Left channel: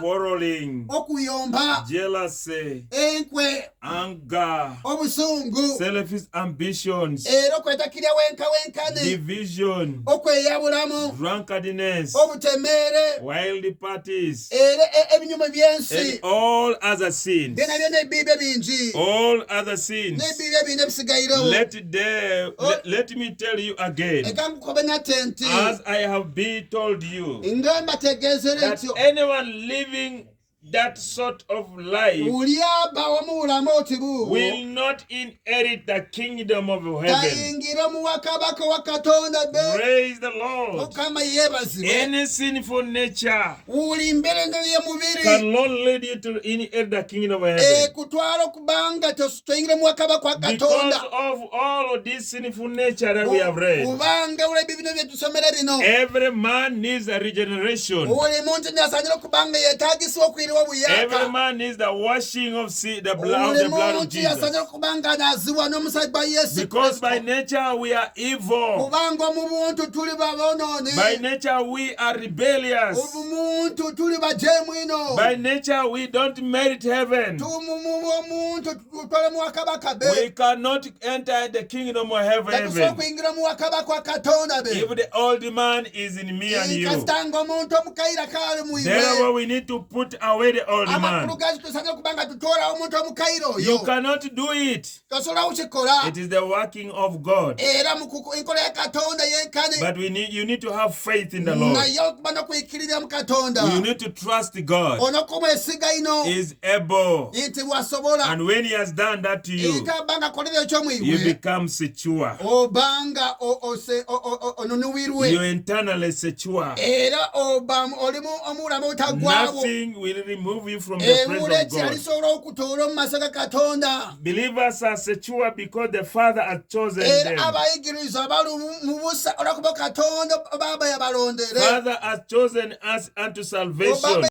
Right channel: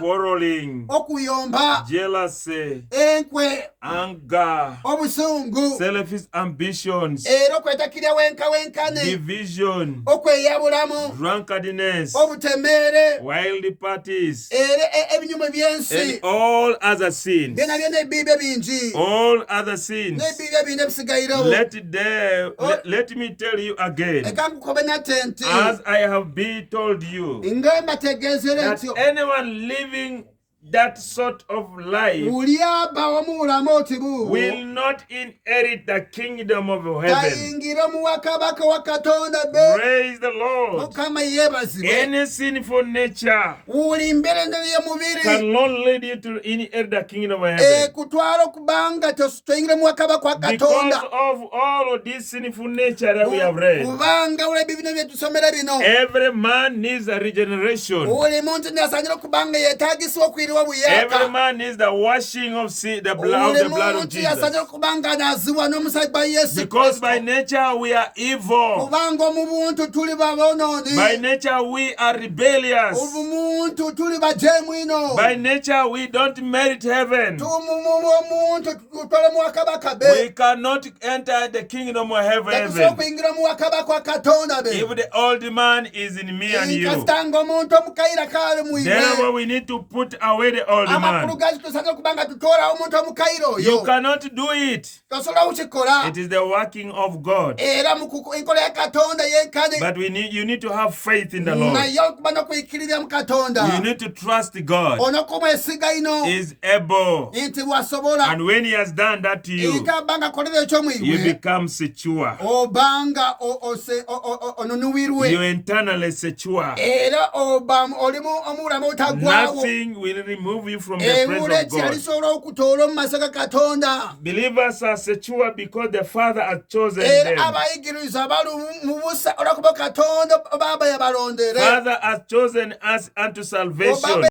quarreling, jealousy, anger, selfish ambitions, division, drunkenness, wild parties, and all other sins. All other sins. Let me tell you again, as I have been told you, that anyone living that sort of life will not inherit the kingdom of heaven. Praise the Lord. Any sinful nature cannot lead you to inherit the kingdom of heaven. Because of all of this sinful nature that we have read, every man needs a regeneration. Every man needs the washing of the blood of Jesus. Because by nature we are evil. By nature we are rebellious. By nature we don't merit heaven. We cannot enter the kingdom of heaven if the old man is in me and you. Therefore we need to put away the old man. You cannot do it. It is the working of God. But you need to have faith in the Lord. You need to trust God. He is able. And when he has done that to you, you become secure. You internally secure. Nothing will remove you from the presence of God. Believers are secure because the Father has chosen them. Father has chosen us unto salvation.